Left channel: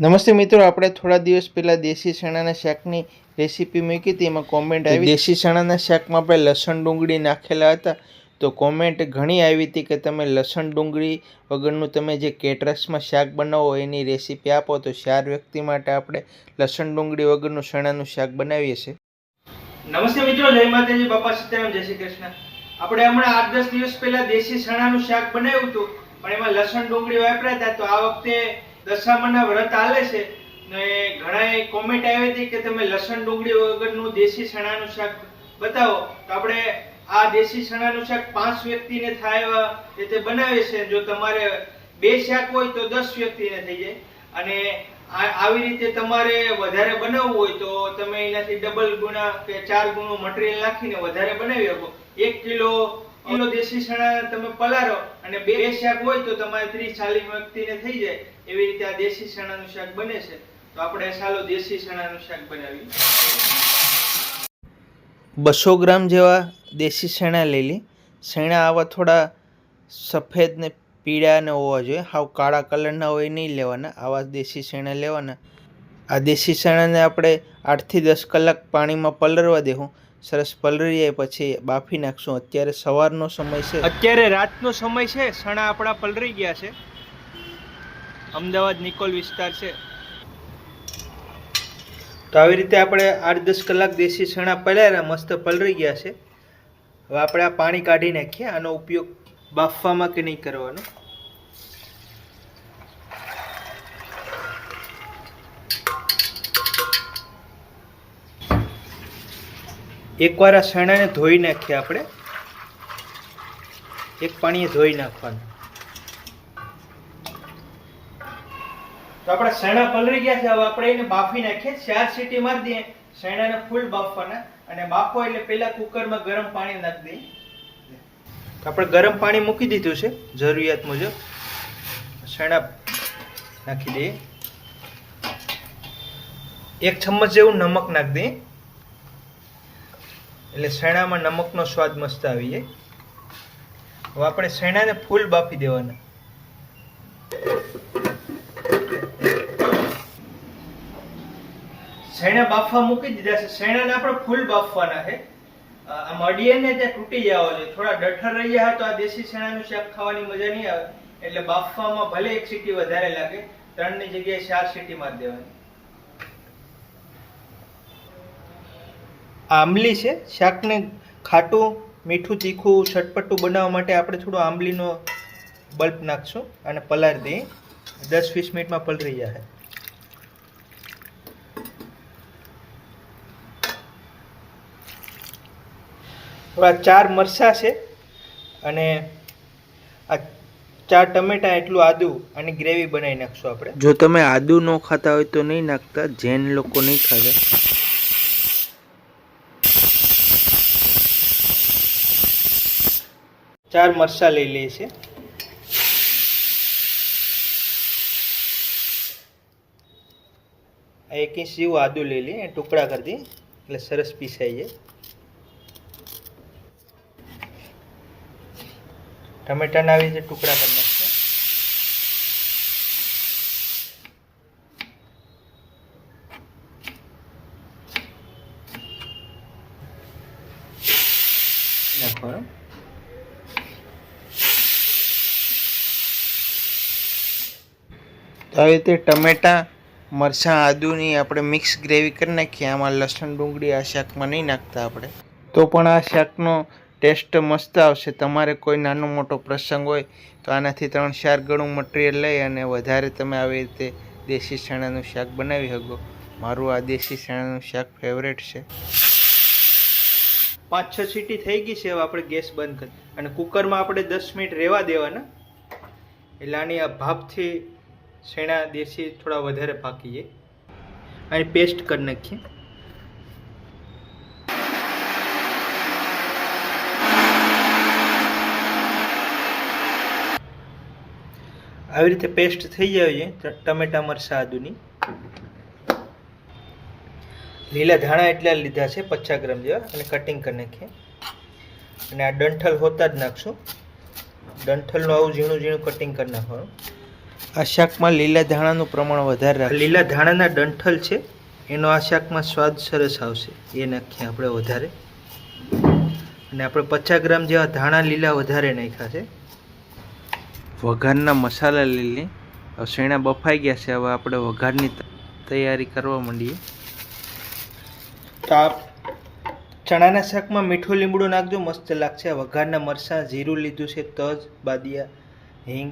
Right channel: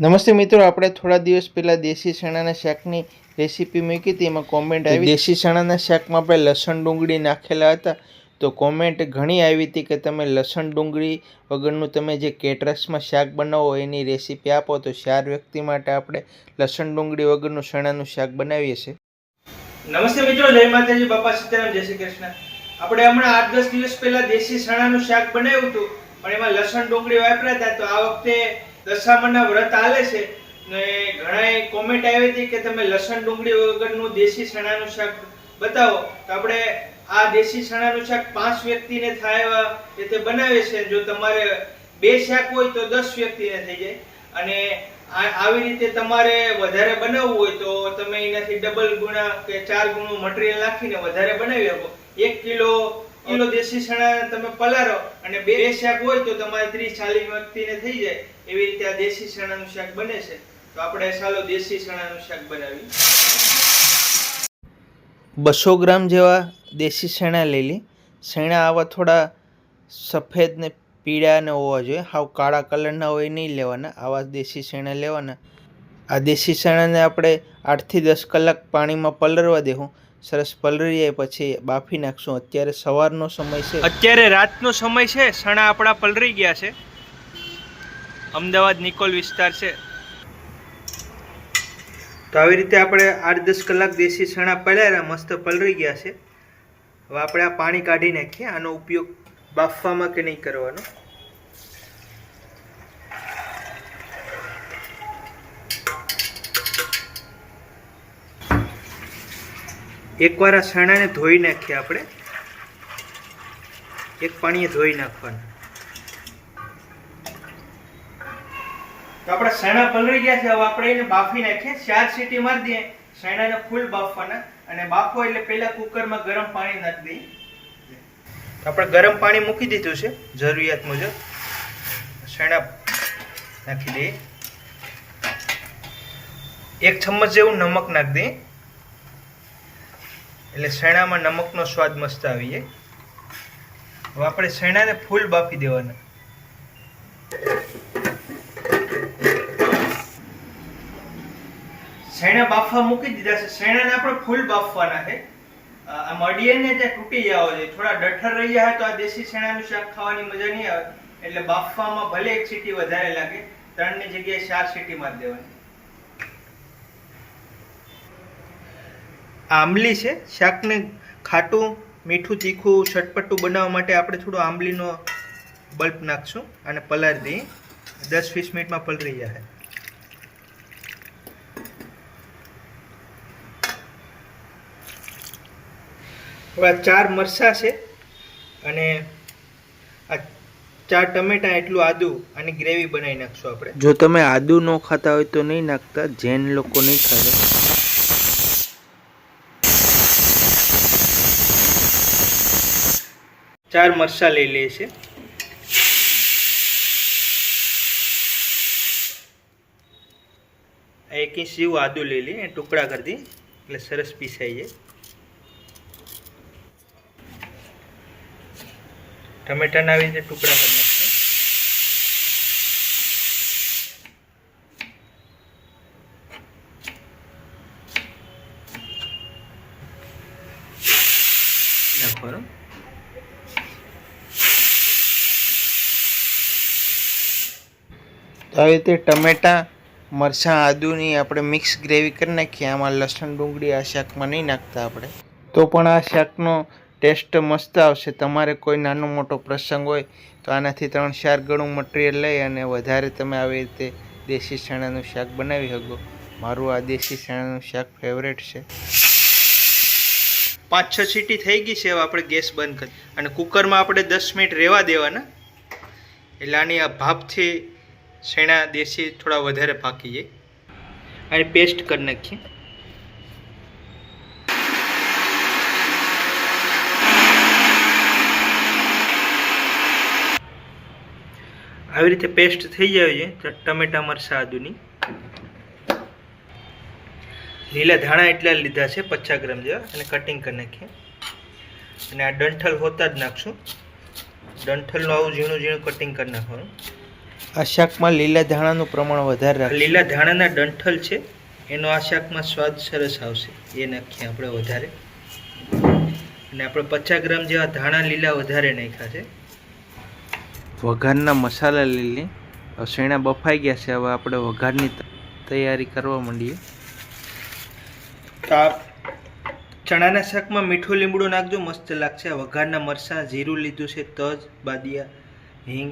નમસ્તે મિત્રો, આપણે થોડા દિવસ પહેલાં દેશી ચણાના શાકની રેસીપી મૂકી હતી. એમાં કોમેન્ટ આવી દેશી ચણાના શાકમાં આપણે લસણ ડુંગળી નાખેલા હતા. તો કોમેન્ટ ઘણી આવી હતી કે તમે લસણ ડુંગળી વગરનું તમે જે કેટરસમાં શાક બનાવો એની રેસીપી આપો. તો 4 વ્યક્તિ માટે આપણે લસણ ડુંગળી વગરનું ચણાનું શાક બનાવીએ છીએ. નમસ્તે મિત્રો, જય માતાજી, બાપા સીતારામ, જય શ્રી કૃષ્ણ. આપણે હમણાં 8-10 દિવસ પહેલા દેશી ચણાનું શાક બનાવ્યું હતું, પણ એમાં લસણ ડુંગળી વાપર્યા હતા. તો આ વખતે દશામાના વ્રત આલે છે ને ઘણાએ કોમેન્ટ આવી હતી કે તમે લસણ ડુંગળી વગરનું દેશી ચણાનું શાક બતાવો. તો આપણે આ દેશી ચણાનું શાક 5 વ્યક્તિને થાય એવા રીતે બનાવીએ છીએ. જો તમારે 2 શાક હોય તો 10 વ્યક્તિને થઈ જાય, અને આવી રીતે તમારે વધારે બનાવવું હોય તો તમે એનાથી ડબલ ગુણા કે 4 ગુણું મટીરીયલ નાખીને વધારે બનાવી શકો. 1 કિલો દેશી ચણા તમે પલાળો અને 2 શાક હોય તો તમારે 30-40 વ્યક્તિને થઈ જાય. એવી રીતે આ દેશી ચણાનું શાક બને છે. તો આપણે ચાલો દેશી ચણાનું શાક બનાવીએ. 200 ગ્રામ જેવા દેશી ચણા લઈ લી. ચણા આવા થોડા સફેદ ને પીળા ને હોવા જોઈએ, હાવ કાળા કલરના હોય નહીં લેવાના. આવા દેશી ચણા લેવાના. આ દેશી ચણાને આપણે 8 થી 10 કલાક પાણીમાં પલળવા દેવું. સરસ પલળી જાય પછી બાફી નાખશું. અત્યારે સવારનો સમય છે, અત્યારે રાતનો સમય છે. ચણા આપણા પલળી ગયા છે. અમદાવાદ નિકોલ વિસ્તાર છે. તો આવી રીતે આપણે 8-10 કલાક દેશી ચણા પલાળ્યા, મસ્ત પલળી ગયા છે. હવે આપણે આ પાણી કાઢી નાખીએ. આનો ઉપયોગ બાફવામાં કે નહીં કરવાનો. એકવાર આ ચણાને ધોઈ નાખીએ. આપણે એક પાણીએ ધોઈ નાખવાનું. તો આપણા ચણા પલળી ગયા છે. હવે આપણે એને બાફી નાખીએ. 4 સીટી મારી દઈએ. ચણાને ફૂલ બાફવાના, અને બાફો એટલે પહેલા કુકરમાં ગરમ પાણી નાખી દઈએ. આપણે ગરમ પાણી મૂકી દીધું છે જરૂરિયાત મુજબ. ચણા નાખી દઈએ. 1 ચમચ જેવું નમક નાખી દઈએ, એટલે ચણામાં નમકનો સ્વાદ મસ્ત આવી જાય. હવે આપણે ચણાને ફૂલ બાફી દેવાના. ચણા બાફવા મૂકી દીધા છે. ચણાને આપણે ફૂલ બાફવાના છે. આ મડીને જે તૂટી જવા જોઈએ, થોડા ડઠર રહી જાય તો આ દેશી ચણાનું શાક ખાવાની મજા નહીં આવે. એટલે બાફવામાં ભલે 1 સીટી વધારે લાગે, 3 ની જગ્યાએ 4 સીટી મારી દેવાની. આંબલી છે. શાકને ખાટું, મીઠું, તીખું, ચટપટું બનાવવા માટે આપણે થોડો આંબલીનો બલ્બ નાખશું અને પલાળી દઈએ. 10-20 મિનિટમાં પલળી જાય. થોડા 4 મરચાં છે અને આ 4 ટમેટા, એટલું આદુ, અને ગ્રેવી બનાવી નાખશું આપણે. જો તમે આદુ ન ખાતા હોય તો નહીં નાખતા, જૈન લોકો નહીં ખાતા. 4 મરચાં લઈ લઈએ છે. આ 1 ઇંચ જેવું આદુ લઈ લઈએ, ટુકડા કરી દઈએ એટલે સરસ પીસાઈ જાય. ટમેટાના આવી રીતે ટુકડા કરી નાખીએ. નાખવાનું. તો આવી રીતે ટમેટા, મરચાં, આદુની આપણે મિક્સ ગ્રેવી કરી નાખીએ. આમાં લસણ ડુંગળી આ શાકમાં નહીં નાખતા આપણે. તો પણ આ શાકનો ટેસ્ટ મસ્ત આવશે. તમારે કોઈ નાનો મોટો પ્રસંગ હોય તો આનાથી 3-4 ગણું મટીરિયલ લઈ અને વધારે તમે આવી રીતે દેશી ચણાનું શાક બનાવી શકો. મારું આ દેશી ચણાનું શાક ફેવરેટ છે. 5-6 સીટી થઈ ગઈ છે. હવે આપણે ગેસ બંધ કરી અને કુકરમાં આપણે 10 મિનિટ રહેવા દેવાના. એટલે આની આ ભાપથી ચણા દેશી થોડા વધારે પાકી જાય. અને પેસ્ટ કરી નાખીએ. આવી રીતે પેસ્ટ થઈ જાય છે ટમેટા, મરચાં, આદુની. લીલા ધાણા એટલા લીધા છે 50 ગ્રામ જેવા, અને કટિંગ કરી નાખીએ. અને આ ડંઠલ હોતા જ નાખશું. ડંઠલનું આવું ઝીણું ઝીણું કટિંગ કરી નાખવાનું. આ શાકમાં લીલા ધાણાનું પ્રમાણ વધારે રાખે. લીલા ધાણાના ડંઠલ છે એનો આ શાકમાં સ્વાદ સરસ આવશે. એ નાખીએ આપણે વધારે. અને આપણે 50 ગ્રામ જેવા ધાણા લીલા વધારે નાખ્યા છે. વઘારના મસાલા લઈ લઈએ. શેણા બફાઈ ગયા છે. હવે આપણે વઘારની તૈયારી કરવા માંડીએ. તો આ ચણાના શાકમાં મીઠું લીમડું નાખજો, મસ્ત લાગશે. વઘારના મરચાં, જીરું લીધું છે, તજ, બાદિયા, હિંગ.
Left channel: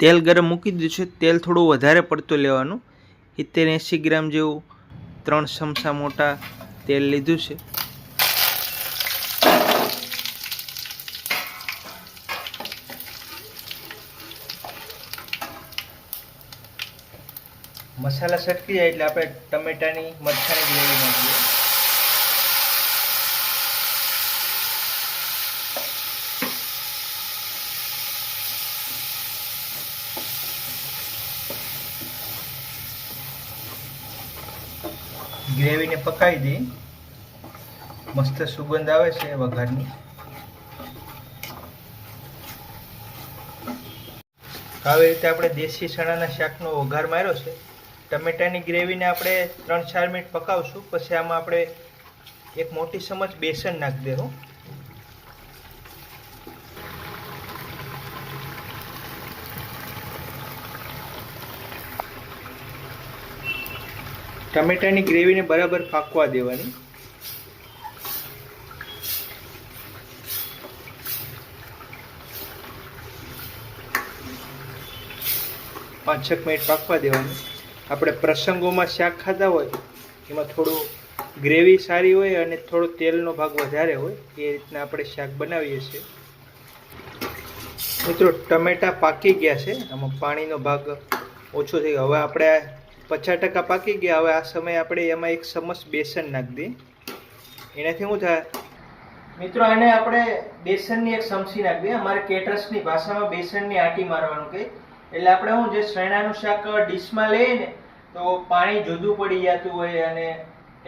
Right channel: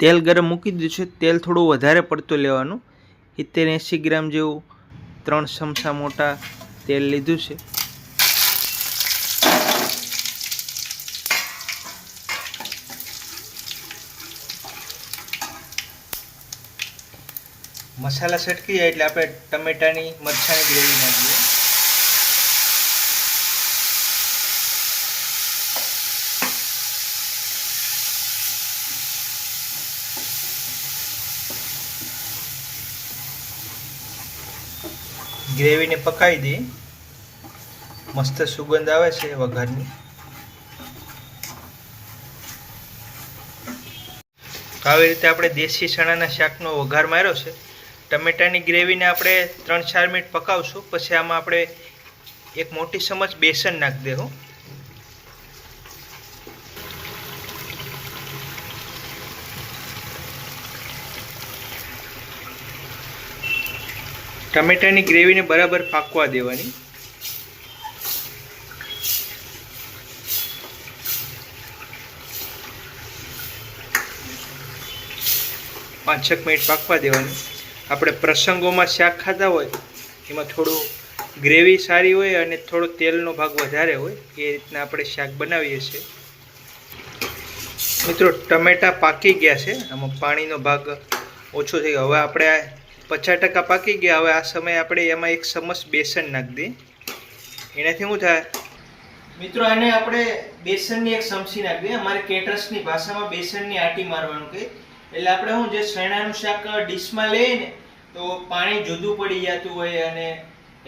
તેલ ગરમ મૂકી દીધું છે. તેલ થોડું વધારે પડતું લેવાનું. 70-80 ગ્રામ જેવું 3 ચમચા મોટા તેલ લીધું છે. મસાલા સટકી જાય એટલે આપણે ટમેટાની મરચાંની ગ્રેવી નાખીએ. ગ્રેવીને પકાવી દઈએ. મસ્ત સુગંધ આવે છે વઘારની. આવી રીતે આપણે દેશી ચણાના શાકનો વઘાર માર્યો છે. ટમેટાની ગ્રેવીને આપણે 3-4 મિનિટ પકાવશું. પછી આમાં આપણે એક મોટી ચમચ બેસન નાખી દેવું. ટમેટાની ગ્રેવીને બરાબર પાકવા દેવાની. પાંચ 6 મિનિટ પાકવા દેવાની. આપણે પ્રસંગોમાં શાક ખાતા હોય એમાં થોડું ગ્રેવી સારી હોય અને થોડો તેલનો ભાગ વધારે હોય એ રીતના આપણે શાક બનાવીએ છીએ. મિત્રો ટમેટા પાકી ગયા છે. આમાં પાણીનો ભાગ ઓછો થઈ ગયો. હવે આપણે 50% પાકી ગયા. હવે આ સમયે આપણે એમાં 1 ચમચ બેસન નાખી દઈએ. એનાથી શું થાય મિત્રો, આને આપણે બેસનની 1 ચમચી નાખી દઈએ. અમારે કેટરસની ભાષામાં બેસનની આટી મારવાનું કહે. એટલે આપણે શું જે ચણાનું શાક ડીશમાં લઈએ ને તો પાણી જુદું પડી જતું હોય, અને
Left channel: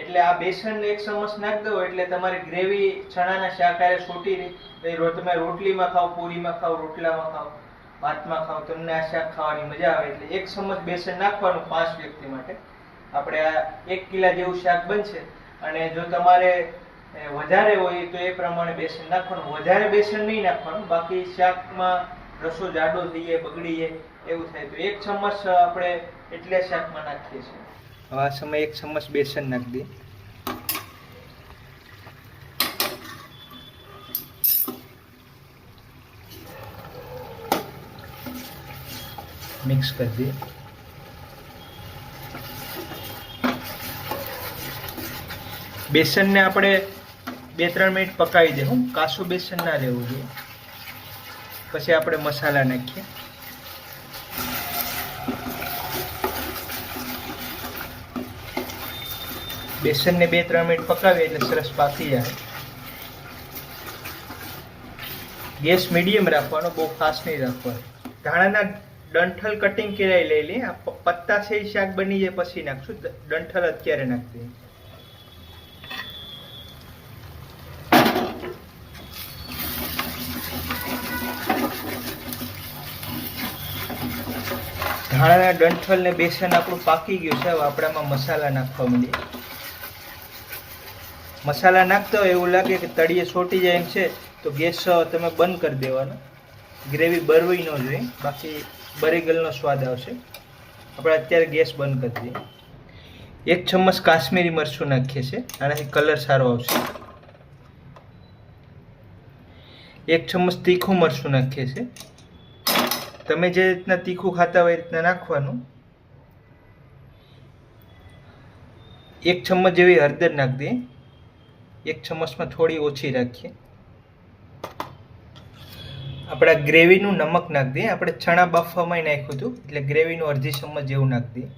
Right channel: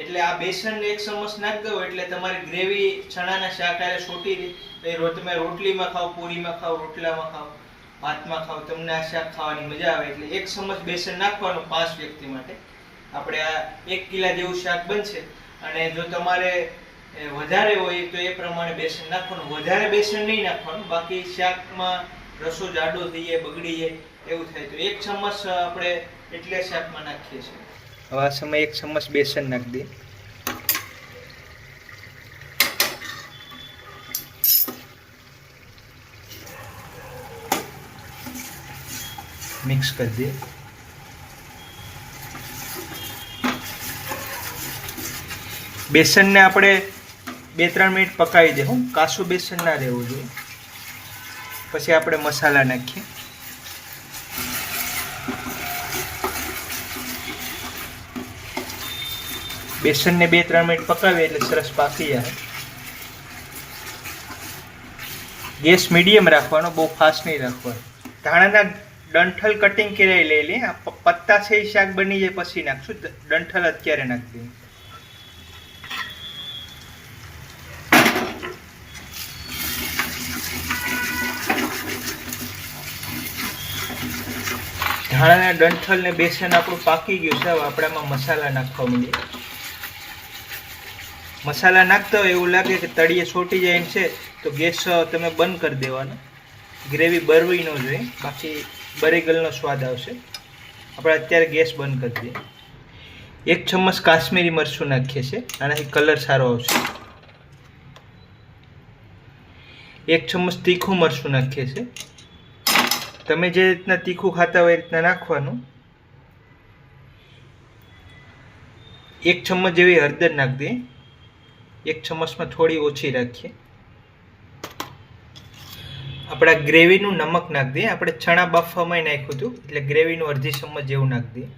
એટલે આ બેસન 1 ચમચ નાખી દો એટલે તમારી ગ્રેવી ચણાના શાક આરે છોટી રહી. તમે રોટલીમાં ખાઓ, પૂરીમાં ખાઓ, રોટલામાં ખાઓ, ભાતમાં ખાઓ, તમને આ શાક ખાવાની મજા આવે. એટલે 1 ચમચ બેસન નાખવાનું 5 વ્યક્તિ માટે. આપણે આ 1 કિલા જેવું શાક બનશે. અને જો તમારે વધારે હોય તો એ પ્રમાણે બેસન નાખવાનું. વધારે બેસન નહીં નાખવાનું, બાકી શાકમાં રસો જાડો થઈ જાય, બગડી જાય એવું થાય. તો 1 ચમચ આપણે એટલે શાકમાં નાખીએ છીએ. હવે આ સમયે 1 ચમચ બેસન નાખી દઈએ. મિક્સ કરી દઈએ. બેસનને આપણે 2-3 મિનિટ પકાવી દે. કાચું બેસન ના રહેવું જોઈએ. પછી આપણે મસાલા નાખીએ. બેસનને 2-3 મિનિટ પકાવીએ એટલે સરસ પાકી જાય. ગેસ મીડિયમ રાખવાનો, બહુ ફાસ્ટ નહીં રાખવાનો. ધાણાના ડંઠલ કટિંગ કરી લઈ લઈએ. આ પત્તા છે એ શાક બની જાય પછી નાખશું. ડંઠલ અત્યારે નાખી દઈએ. ધાણાના ડંઠલ ને બેસન આપણું પાકી ગયું છે. હવે આપણે આમાં મસાલા નાખવા માંડીએ. મસાલા નાખતા હોય એવું લાગે કે તળિયે છોટી જાય એમ છે તો ગેસ તમે બંધ કરી દેવાનો. ગ્રેવી બરવી ન જોઈએ, બાકી બરેગલનો સ્વાદ આવશે. આપણે અત્યારે ગેસ બંધ કરી દઈએ. 1 ચમચ કાશ્મીરી મરચું નાખીએ છીએ, આનાથી કલર સારો આવશે. 1 ચમચ તીખું મરચું નાખીએ છીએ. તમે જે રીતના તીખું ખાતા હોય એ રીતના નાખવાનું. 1 ચમચ જેવી હળદર નાખી દઈએ. 1 ચમચમાં થોડી ઓછી રાખીએ. આપણા ગ્રેવીનું નમક નાખી દઈએ. આપણે ચણા બાફવામાં નાખ્યું હતું એટલે ગ્રેવીનું અડધી ચમચ જેવું નાખી દઈએ.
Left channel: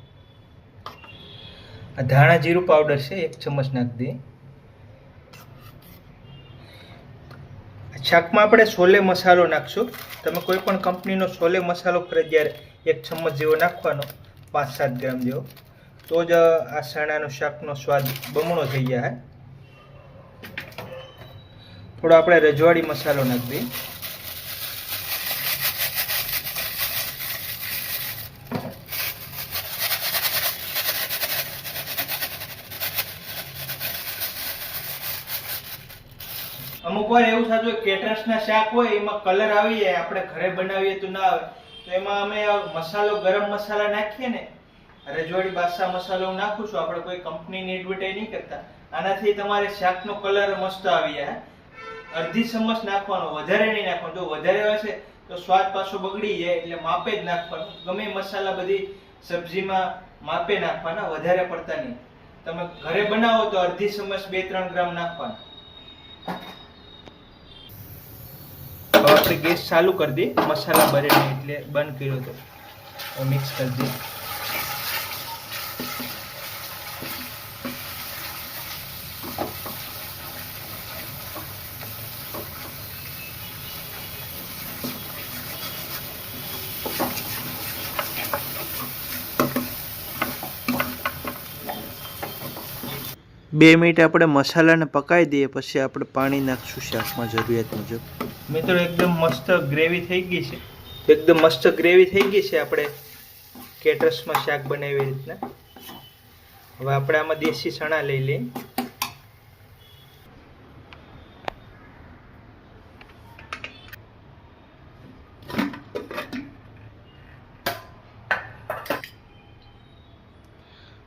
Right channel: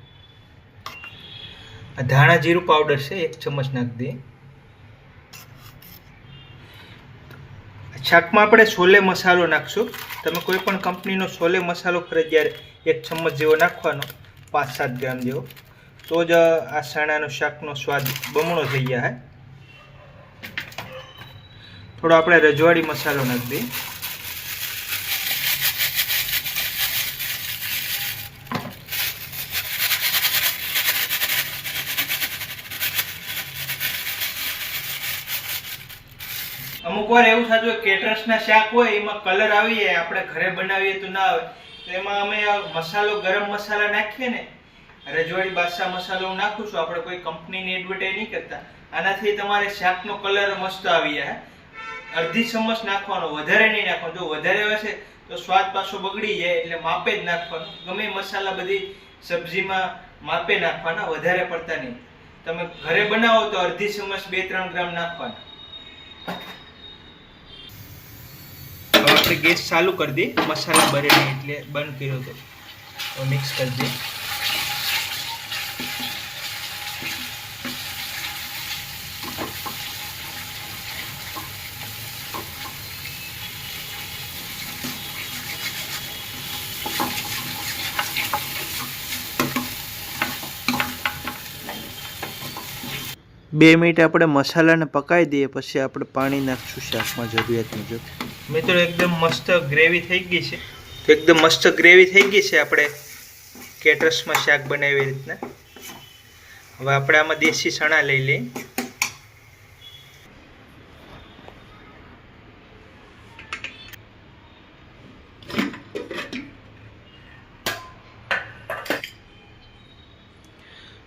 આ ધાણા જીરું પાવડર છે 1 ચમચ નાખી દઈએ. શાકમાં આપણે છોલે મસાલો નાખશું. તમે કોઈ પણ કંપનીનો છોલે મસાલો ફરજિયાત 1 ચમચ જેવો નાખવાનો, 5-7 ગ્રામ જેવો. તો જ આ ચણાનું શાકનો સ્વાદ બમણો થઈ જાય. થોડો આપણે રજવાડી મસાલો નાખી દઈએ. અમુક વાર એવું થતું હોય કેટરસના શાક હોય એમાં કલર આવી જાય, આપણે ઘરે બનાવીએ તો ના આવે, તો એમાં અમે મસાલો ગરમ મસાલા નાખીએ ને, રજવાડી બાદશાહ મસાલો હું નાખું છું, આપણે કોઈ કંપનીની એડવર્ટાઈઝ નહીં કરતા. આનાથી તમારે શાકનો કલર મસ્ત આવી જાય. અડધી ચમચ નાખવાનો, વધારે નહીં નાખવાનો. જો વધારે હશે તો સ્વાદ પાછો બગડી જાય, એટલે માપે જ નાખવાનો. ગમે મસાલા બધી સબ્જીમાં માપે નાખવાના, વધારે પડતા નહીં. તમે ઘરે બનાવો તો અડધી ચમચ 2-3 ગ્રામ નાખવાના. હવે આપણે ગેસ ચાલુ કરી દઈએ, મસાલા બરે નહીં એટલે બંધ કર્યો તો મિક્સ કરી દઈએ. બે મિનિટ આપણે મસાલાને પકાવી દઈએ, પછી આપણે પાણી નાખશું શાકમાં જરૂરિયાત મુજબ. મિત્રો એકદમ મસ્ત ગ્રેવી થઈ ગઈ છે, એકદમ મસ્ત ગ્રેવી થઈ ગઈ છે આપણે કેટરસમાં શાક બનાવી રીતના. હવે આપણે આમાં દેશી ચણા લઈ લઈએ.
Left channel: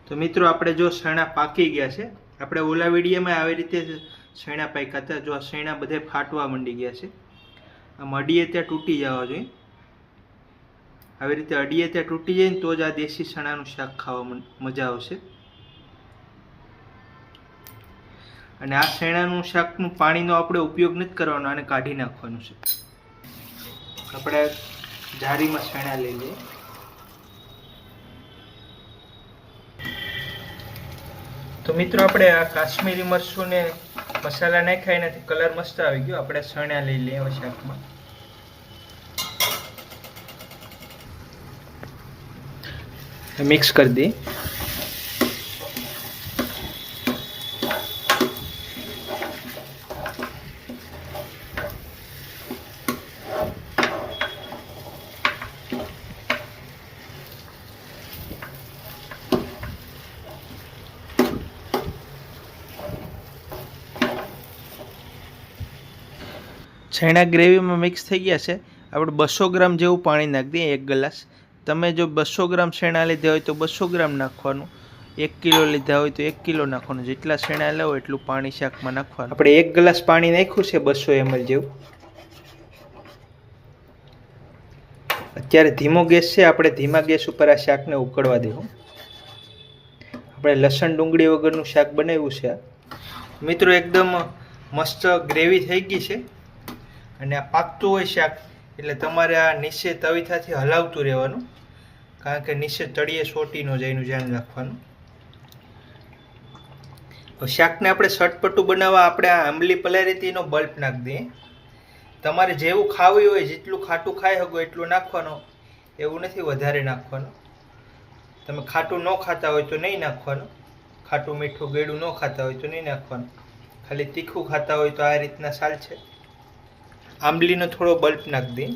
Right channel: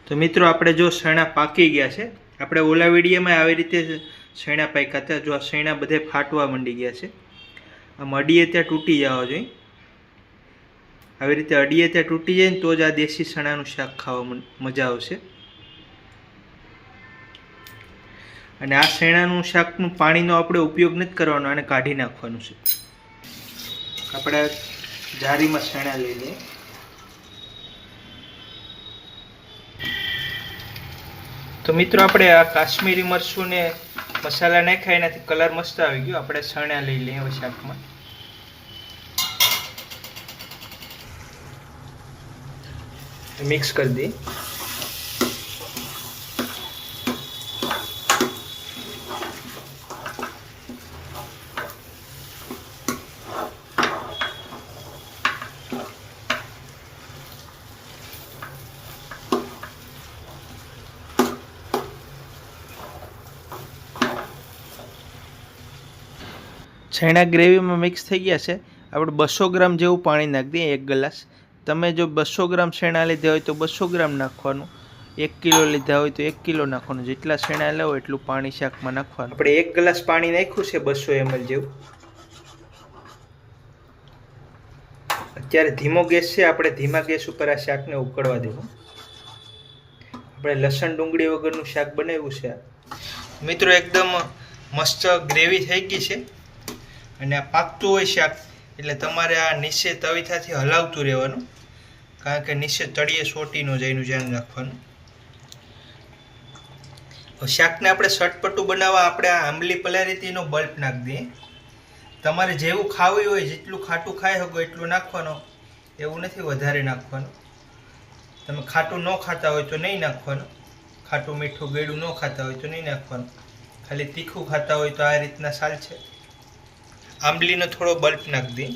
તો મિત્રો આપણે જો શેણા પાકી ગયા છે, આપણે ઓલા વિડીયોમાં આવી રીતે શેણા પાક્યા હતા. જો આ શેણા બધે ફાટવા માંડી ગયા છે. આમ અડીએ ત્યાં તૂટી જવા જોઈએ. આવી રીતે અડીએ ત્યાં તૂટી જાય ને તો જ આ દેશી શેણાનું શાક ખાવા મજા આવશે. અને આ શેણાનું શાકનું પાણીનો આપણે ઉપયોગ નથી કરવાનો, આને કાઢી નાખવાનું છે. આપણે જારીમાં શેણા લઈ લઈએ. તો મિત્રો આપણે આ કાશ્મીરી મરચું ને મસાલા નાખ્યા, એનાથી કલર મસ્ત આવી ગયો. આપણે ચણા લઈ લઈએ હવે શાકમાં. મિક્સ કરી દઈએ. છેણા ગ્રેવીમાં મિક્સ થઈ ગયા છે. આપણે 200 ગ્રામ જેવું પાણી નાખી દઈએ, 1 ગ્લાસ. તમે જો 200 ગ્રામ શેણા લીધા હોય તો 200 ગ્રામ નાખવાનું, 1 કિલો લીધા હોય તો 1 કિલો નાખવાનું. જેટલા શેણા લેવો એટલું પાણી શાકમાં નાખવાનું. આપણે 1 ગ્લાસ પાણી નાખ્યું છે 200 ml જેવું. અત્યારે ધીમો ગેસ છે, આપણે ધીમા ગેસ ઉપર આ શાકને ઉકળવા દેવું. આપણે લસણ ડુંગળી વગરનું શાક બનાવ્યું છે. મિત્રો એકદમ મસ્ત ગ્રેવી થઈ ગઈ છે. અને આ પાકતું હોય શાક એટલે તમારે આ નીચે તવીથાથી હલાવતું રહેવાનું, કારણ કે નીચે તળિયે સોટી ન જાય એનું ધ્યાન રાખવાનું. શાકને આપણે ચટપટું બનાવવા આપણે આ આંબલી પલાળી હતી એનો બલ્બ નાખી દઈએ. તમારે જેવું ખાવું હોય, જેટલું ખાટું ખાઈ શકો એટલું નાખવાનું, એવું નથી વધારે નાખવાનું. તમે ખાટું ન ખાતા હોય તો નહીં નાખવાનું, ખાટું મીઠું ગળ્યું ન ખાતા હોય તો નહીં નાખવાનું. ખાલી તીખું ખાતા હોય તો આ રીતના ચાલશે. આંબલીનો થોડો બલ્બ નાખી દઈએ.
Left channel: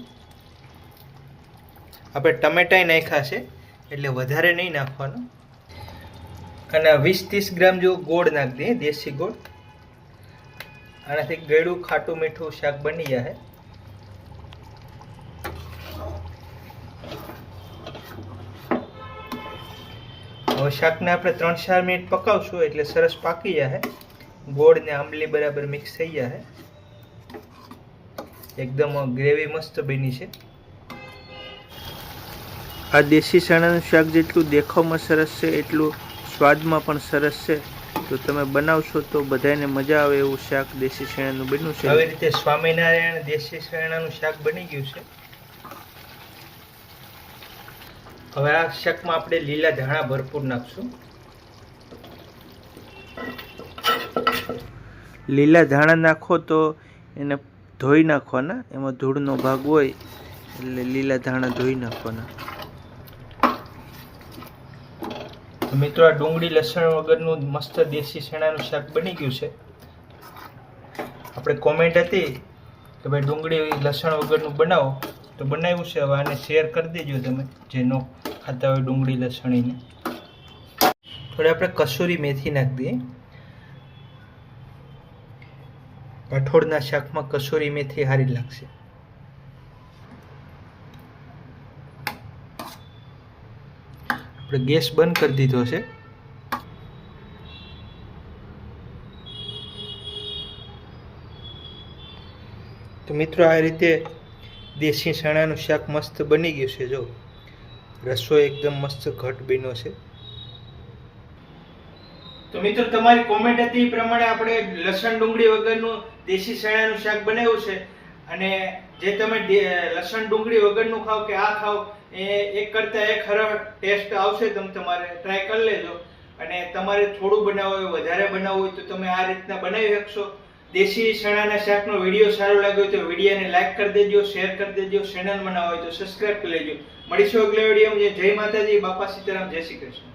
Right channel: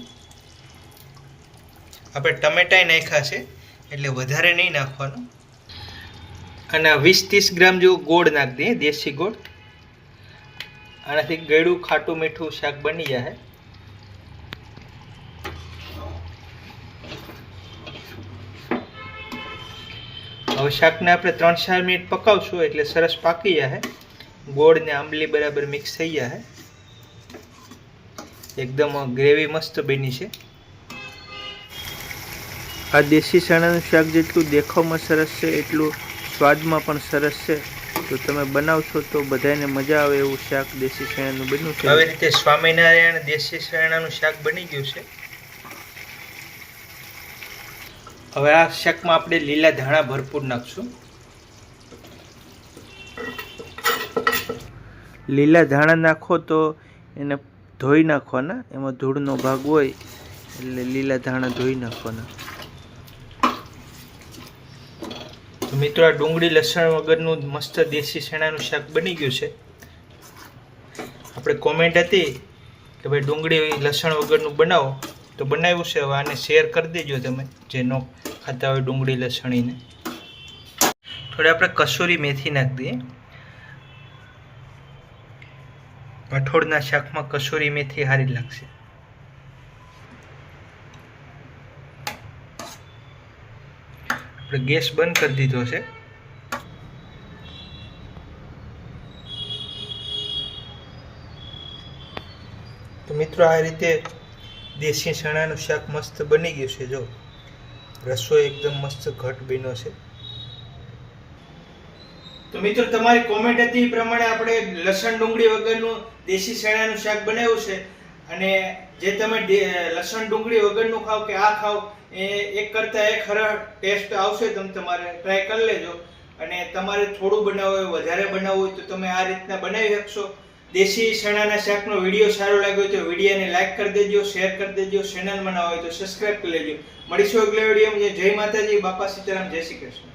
આપણે ટમેટાય નાખ્યા છે એટલે વધારે નહીં નાખવાનું. અને 20-30 ગ્રામ જેવું ગોળ નાખી દઈએ, દેશી ગોળ. આનાથી ગળ્યું ખાટું મીઠું શાક બની જાય. હવે શાકને આપણે 3-4 મિનિટ પકાવશું એટલે સરસ પાકી જાય. ગોળ ને આંબલી બરાબર મિક્સ થઈ જાય. એકદમ ગ્રેવી મસ્ત બની છે. આ દેશી ચણાનું શાક જેટલું દેખાવમાં સરસ છે એટલું સ્વાદમાં પણ સરસ છે. તો તમે બનાવશો તો બધાને મજા આવે એવું શાક દેશી ચણાનું બન્યું છે. આવી રીતે સ્વામિનારાયણ દેશી ચણાનું શાક બની ગયું છે. હવે આ શાકમાં આપણે લીલા ધાણા ભરપૂર નાખશું. લીલા ધાણા નાખો તો એને ધોઈ નાખવાના, એમાં ધૂળનો ભાગ હોય એટલે લીલા ધાણા ધોઈ નાખવાના. તો મિત્રો આ ડુંગળી લસણ વગરનું મસ્ત દેશી ચણાનું શાક બની ગયું છે. આપણે કોમેન્ટ હતી કે ભાઈ ડુંગળી લસણ વગરનું બનાવો, તો બનાવ્યું છે. હવે આને શેર કરી દેજો તમે જે ન ખાતા હોય ડુંગળી લસણીને. થોડી આપણે કસૂરી મેથી નાખી દઈએ. કઠોળના શાકમાં કસૂરી મેથી સારી લાગશે. આપણે ગેસ બંધ કરી દીધો છે. તો મિત્રો આ રીતે દેશી ચણાનું શાક મસ્ત બની ગયું છે. જો રસો એકદમ મસ્ત ઘટ બન્યો છે. તો મિત્રો તમારી કોમેન્ટ હતી એ પ્રમાણે આપણે લસણ ડુંગળી વગરનું દેશી ચણાનું શાક બનાવ્યું છે. અને જે તમે લસણ ડુંગળી વગરનું ખાવ કે આ ખાવ એ એક કરતાં એક સરળ ટેસ્ટ આવશે. તમારે ટ્રાય કરી લેજો. અને તમારે થોડું બનાવવું હોય, વધારે બનાવવું હોય તો તમે આ રીતના બનાવી શકશો. દેશી ચણાના શાકનો વિડીયો સારો લાગ્યો તો વિડીયોને લાઈક કરી દેજો, શેર કરી દેજો. ચેનલમાં ના હોય તો સબસ્ક્રાઇબ કરી લેજો. મળીશું અગલા વિડીયોમાં. જય માતાજી, બાપા સીતારામ, જય શ્રી કૃષ્ણ.